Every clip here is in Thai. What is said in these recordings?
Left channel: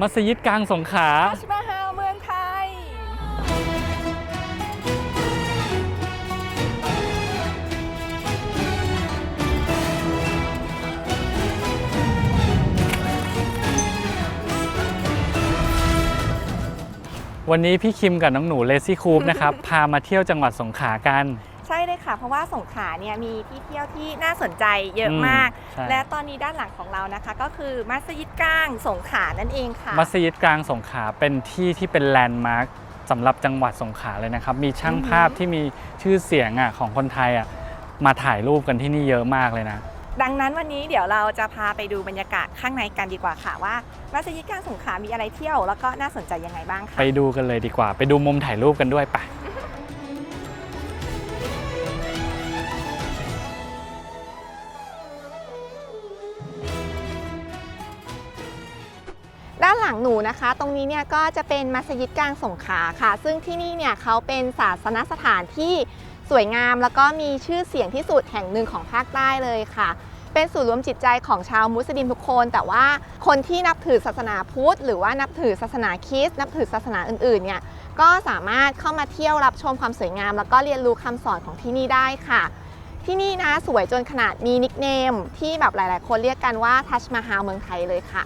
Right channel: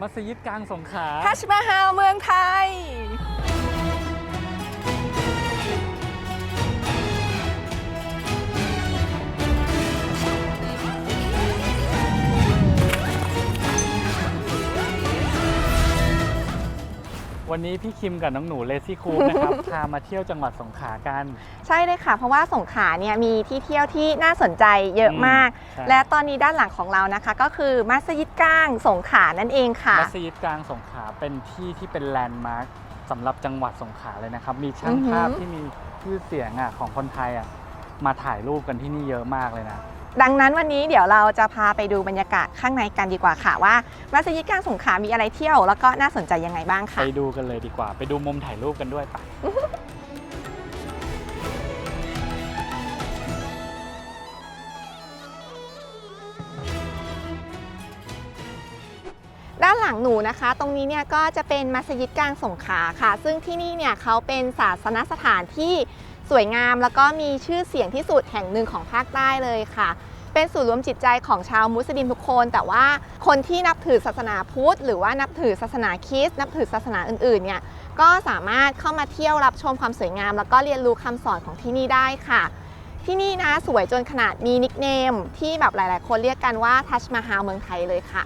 มัสยิดกลางสงขลาทัชมาฮาลเมืองไทย วันนี้พี่คิมกับน้องหนูเลซี่คูปนะครับ พามาเที่ยวจังหวัดสงขลากัน ใช่เลยค่ะ เพราะว่าสงขลาเนี่ยมีที่เที่ยวที่น่าสนใจเยอะอืมมากใช่ และตอนนี้ด้านหลังของเรานะคะ ก็คือมัสยิดกลางสงขลานั่นเองค่ะ มัสยิดกลางสงขลาเป็นที่ที่เป็นแลนด์มาร์คสำหรับจังหวัดสงขลาเลยนะครับ มีช่างอือหือภาพที่มีชื่อเสียงอะของคนไทยอะมาถ่ายรูปกันที่นี่เยอะมากเลยนะ ดังนั้นวันนี้เดี๋ยวเราจะพาไปดูบรรยากาศข้างในกันดีกว่าค่ะ ว่ามัสยิดกลางสงขลามีอะไรเที่ยว แล้วก็น่าสนใจยังไงบ้างค่ะ ไปดูกันเลยดีกว่า ไปดูมุมถ่ายรูปกันด้วยไป ด้านหลังหนูนะคะ ตรงนี้เนี่ยก็จะเป็นมัสยิดกลางสงขลาค่ะ ซึ่งที่นี่เนี่ยเขาเป็นศาสนสถานที่สวยงามแล้วก็มีชื่อเสียงที่สุดแห่งหนึ่งของภาคใต้เลยค่ะ เป็นศูนย์รวมจิตใจของชาวมุสลิมทุกคน แต่ว่าคนที่นับถือศาสนาพุทธ หรือว่านับถือศาสนาคริสต์นับถือศาสนาอื่นๆเนี่ยก็สามารถเข้ามาเที่ยวรับชมความสวยงาม แล้วก็เรียนรู้คำสอนของที่นี่ได้ค่ะ ที่นี่นะสวยจนขนาดมีนิกเนมที่แบบหลาย ๆ คนเรียกกันว่าทัชมาฮาลเมืองไทยเลยค่ะ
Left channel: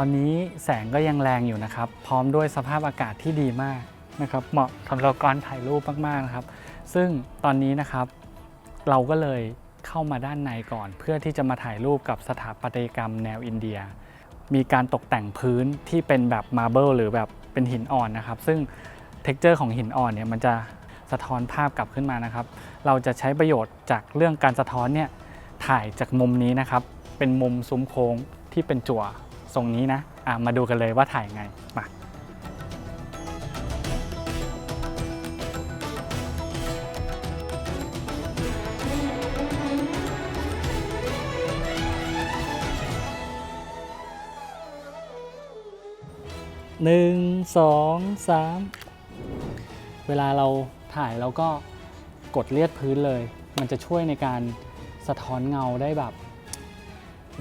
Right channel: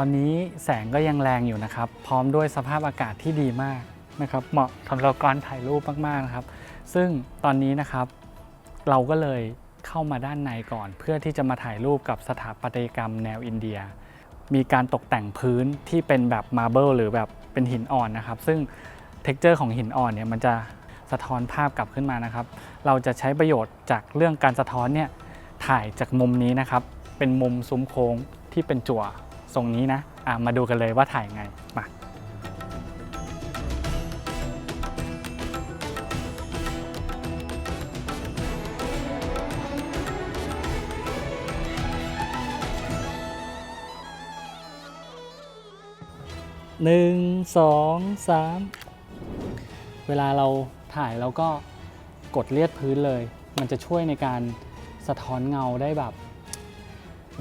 ตอนนี้แสงก็ยังแรงอยู่นะครับ พร้อมด้วยสภาพอากาศที่ดีมากนะครับ เหมาะสำหรับการถ่ายรูปมากๆนะครับ ซึ่งตอนนี้นะครับ เราก็เลยเข้ามาด้านในก่อน เพื่อที่จะมาถ่ายรูปกับสถาปัตยกรรมแนวอินเดีย มีการตกแต่งพื้นที่เป็นแบบมาร์เบิลหรือแบบเป็นหินอ่อนนะครับ ซึ่งเท็กเจอร์ของหินอ่อนเนี่ยมันจะสะท้อนภาพกลับขึ้นมานะครับ เราจะใช้ประโยชน์จากเรื่องการสะท้อนเนี่ยถ่ายจากมุมนี้นะครับ เป็นมุมซุ้มโค้งที่เป็นจั่ว ทรงนี้นะะมาดูกันเลยว่าถ่ายไงมาหนึ่งสองสามเวลาเราถ่ายเราก็กดเลียดพื้นเลย มันจะช่วยในการสะท้อนเงาได้แบบ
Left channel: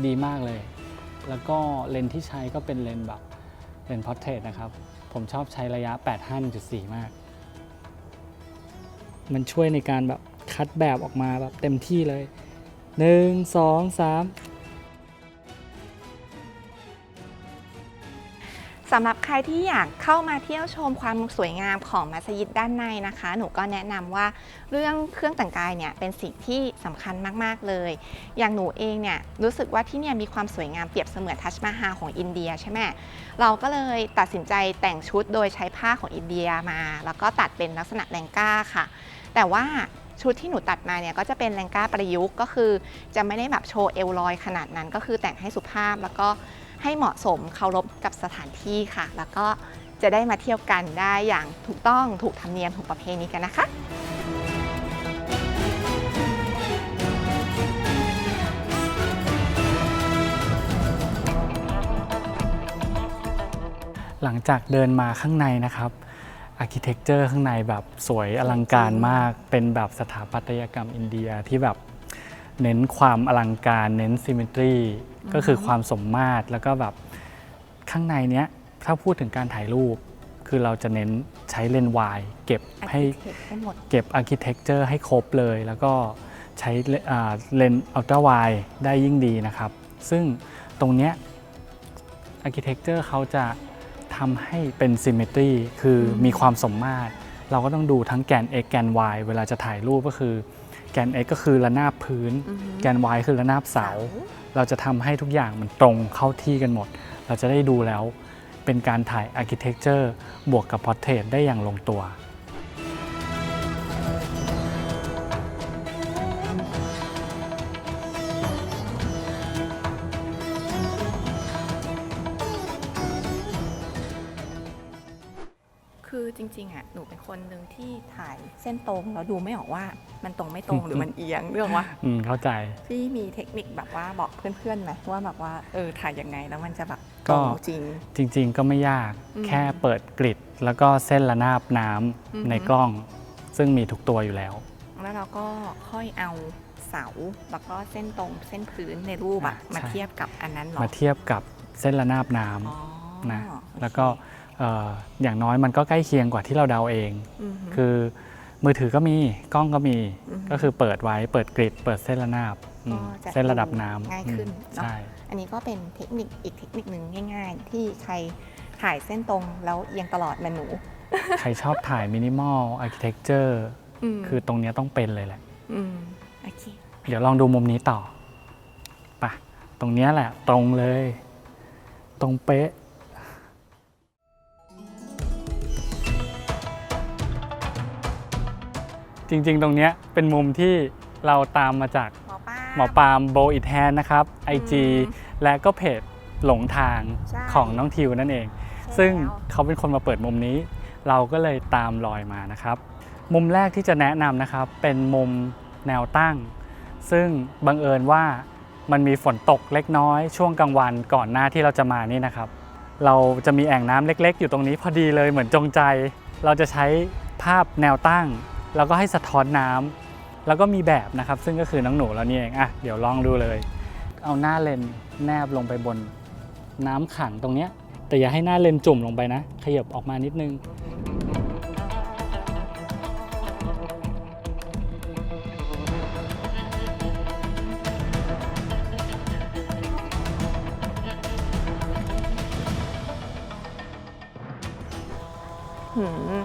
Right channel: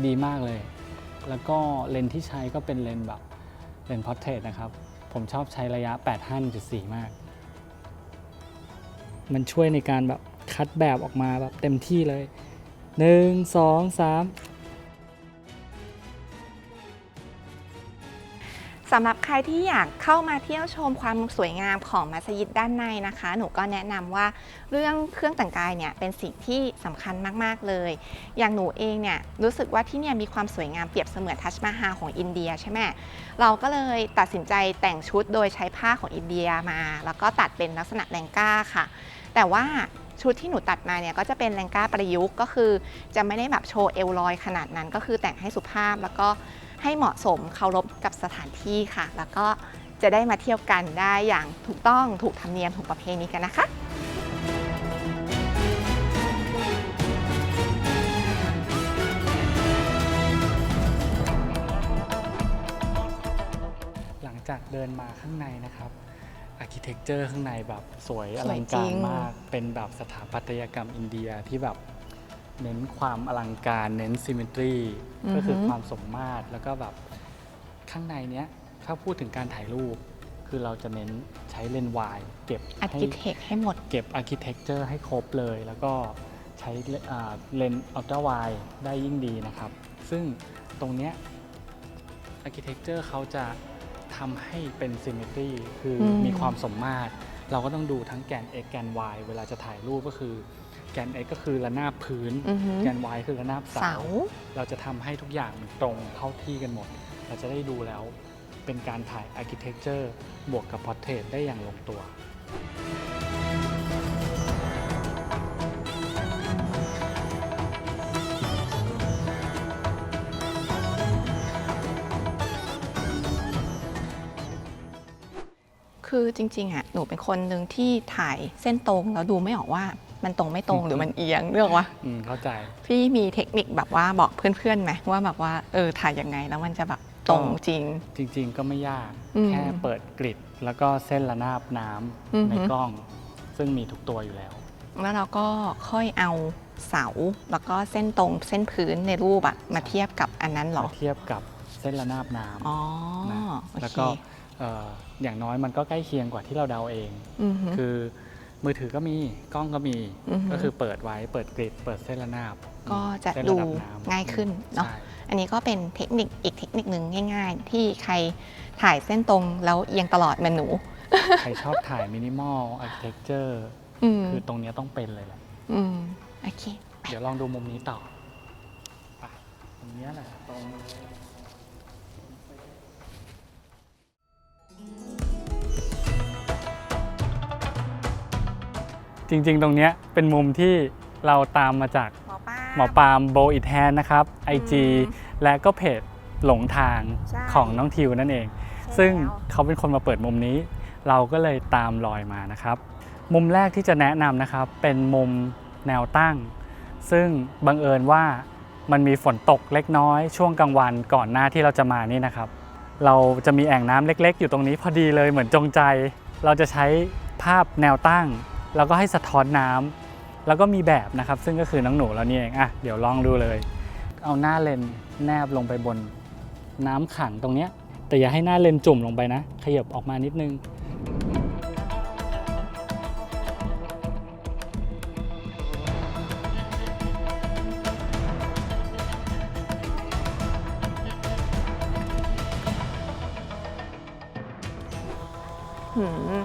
ดีมากเลย แล้วก็เลนส์ที่ใช้ก็เป็นเลนส์แบบเลนส์พอร์เทรตนะครับ ผมชอบใช้ระยะ 8-5.4 มาก มันช่วยในการแบบคัดแบบออกมาแบบเต็มที่เลย 1 2 3 สำหรับใครที่อยากเข้ามาเที่ยวชมความสวยงามของมัสยิดด้านในนะคะ หนูก็แนะนำว่าเรื่องเครื่องแต่งกายเนี่ยเป็นสิ่งที่สำคัญมากๆเลย อย่างหนูเองเนี่ยรู้สึกว่าที่เนี่ยมีความสวยงามเปรียบเสมือนทัชมาฮาของอินเดียใช่ไหมเราก็เลยตัดสินใจแต่งชุดโดยใช้ผ้าของอินเดียมา แล้วก็ตัดเป็นลักษณะแรงก้าค่ะ แต่ว่าชุดที่หนูตัดมาเนี่ยก็จะเป็นแรงก้าประยุกต์ก็คือ จะไม่ได้แบบโชว์เอวลอยขนาดนั้น ก็คือแต่งให้สุภาพแล้วก็ ให้เหมาะสมเคารพกับสถานที่ค่ะ แล้วก็จะได้มาเที่ยวกันได้อย่างถูกต้องถูกธรรมเนียมถูกประเพณีกันนะคะหลังจากเดินมาข้างในนะครับอาร์เคเต็กเจอร์ข้างในแบบสวยอลังการมาก เป็นแบบสถาปัตยกรรมอินเดียที่แบบเน้นความอลังการ เน้นซิม m ตรีอือฮึ ก็คือความสมมาตรแล้วก็แบบข้างในเนี้ยถ้าพูดถึงการถ่ายรูป คือเราจะเน้นใช้เลนส์วายเก็บอาร์ให้คิเทคให้หมด เก็บอาร์เคเต็กเจอร์ให้ครบเลย แล้วก็ใช้เลอ่าเลนส์อัลตร้าไวได้ยิ่งดีนะครับ ซึ่งตรงเนี้ยอาร์เคเต็กเจอร์เขาจะทำให้เป็นซิมเมตรีคืออม มีความสมมาตร เราก็ต้องดูทั้งแกน x แกน y เวลาจะถ่ายรูปก็คือแกน x ก็คือระนาบพื้น อือฮึ แกน y คือระนาบเสา เราจะทำให้ทุกอย่างมันตรงเข้าที่กันหมด เราจะได้ดูแล้วเป็นการถ่ายอาร์เคเต็กเจอร์บวกกับพอร์เทรตได้อย่างลงตัว คือจริงๆอะหนูเป็นคนหนึ่งที่ถ่ายเส้นตรงแล้วดูไม่ออกว่ามันตรงไม่ตรงหรือมันเอียงเรื่องวะอืมเข้าใจ พี่มีเทคนิคแบบว่าบอกเพื่อนๆไหมว่าแบบว่าเออถ่ายยังไงแล้วมันจะแบบตรงจริง จริง ๆ ก็ไม่ยากอืมแค่เปิดกริดแล้วก็เส้นระนาบน้อือฮึำในกล้อง ซึ่งมีทุกตัวอยู่แล้ว แล้วเราก็ค่อยเอาเสาแล้วก็เส้นตรงเส้นพื้นในรูปอะใช่มาเทียบกับอันนั้นเหรอมาเทียบกับเส้นระนาบน้อ๋อำนะโอเคแล้วก็เอ่ออย่างน้อยมันก็ใกล้เคียงกว่าที่เราเดาเองอือหือคือมือถือก็มีกล้องก็มีอือหือก็คือเปิดไว้เปิดกริดเปิดเส้นระนาบก็จะเส้นระดับน้ำง่ายขึ้นเนาะใช่อันนี้ก็เป็นเทคนิคอีกเทคนิคหนึ่งง่าย ๆ ที่ใครถ่ายเส้นตรงแล้วเอียงตลอดเหมือนหนู ใครชอบถ่ายมินิมอลอาร์เคเต็กเจอร์อืมคือตรงเนี้ยต้องเป็นเลยแหละอืมโอเคเดี๋ยวลองดูมุมนี้ต่อไปะตรงเนี้ยแหละ ตรงเลย ตรงเป๊ะ จริงๆ ตรงเนี้ยเป็นมุมที่เราตามมาจากหมอป้า หมอปาล์มโบอิทแทนนะครับ IG อืมและก็เพจหลงทางใช่ ของน้องทิวนั่นเองใช่ซึ่งแล้วเขาเป็นคนมาเปิดมุมนี้ เราก็เลยตามรอยมานะครับ มุมแรกที่จะแนะนำนะครับ เป็นมุมแนวตั้ง ซึ่งบังเอิญว่ามันมีฝนตกเล็กน้อย ช่วงกลางวันก่อนหน้าที่เราจะมานี่นะครับ เราจะมีแอ่งน้ำเล็ก ๆ อยู่ตรงนี้พอดีเลยเหมือนจงใจ เราจะใช้ภาพแนวตั้ง แล้วก็ให้สะท้อนน้ำแล้วก็มีแบบนะครับ ซึ่งก็คือน้องหนูเรานี่เองอะเดี๋ยวลองดูเลย เอาหน้าเลนแนบลงไปบนน้ำขังตรงเนี้ยแต่อย่าให้หน้าเลนจุ่มลงไปนะ ขยับออกมานิดนึงหืม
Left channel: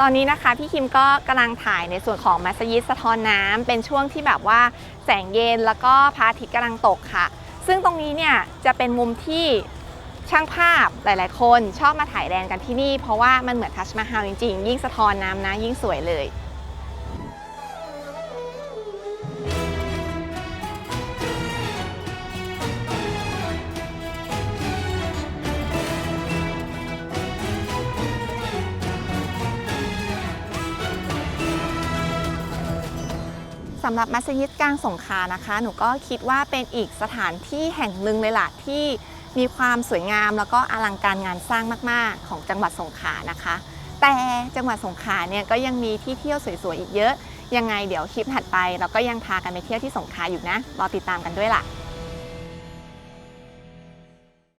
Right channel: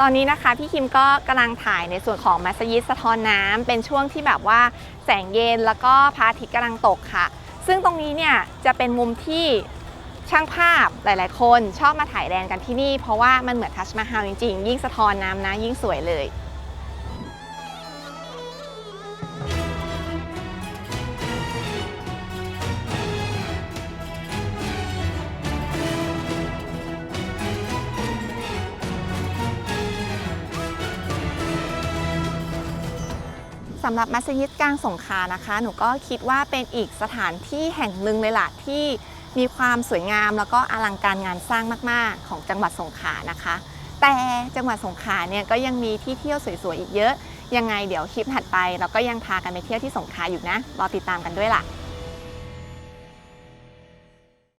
ตอนนี้นะคะพี่คิมก็กำลังถ่ายในส่วนของมัสยิดสะท้อนน้ำเป็นช่วงที่แบบว่าแสงเย็นแล้วก็พระอาทิตย์กำลังตกค่ะ ซึ่งตรงนี้เนี่ยจะเป็นมุมที่ช่างภาพหลาย ๆ คนชอบมาถ่ายแรนกันที่นี่ เพราะว่ามันเหมือนทัชมาฮาลจริง ๆ ยิ่งสะท้อนน้ำนะยิ่งสวยเลย สำหรับมัสยิดกลางสงขานะคะ หนูก็คิดว่าเป็นอีกสถานที่แห่งหนึ่งเลยล่ะที่มีความสวยงามแล้วก็อลังการงานสร้างมาก ๆ ของจังหวัดสงขลานะคะ แต่จังหวัดสงขลาเนี่ยก็ยังมีที่เที่ยวสวย ๆ อีกเยอะ ยังไงเดี๋ยวคลิปถัดไป เราก็ยังพากันไปเที่ยวที่สงขลาอยู่นะ รอติดตามกันด้วยล่ะ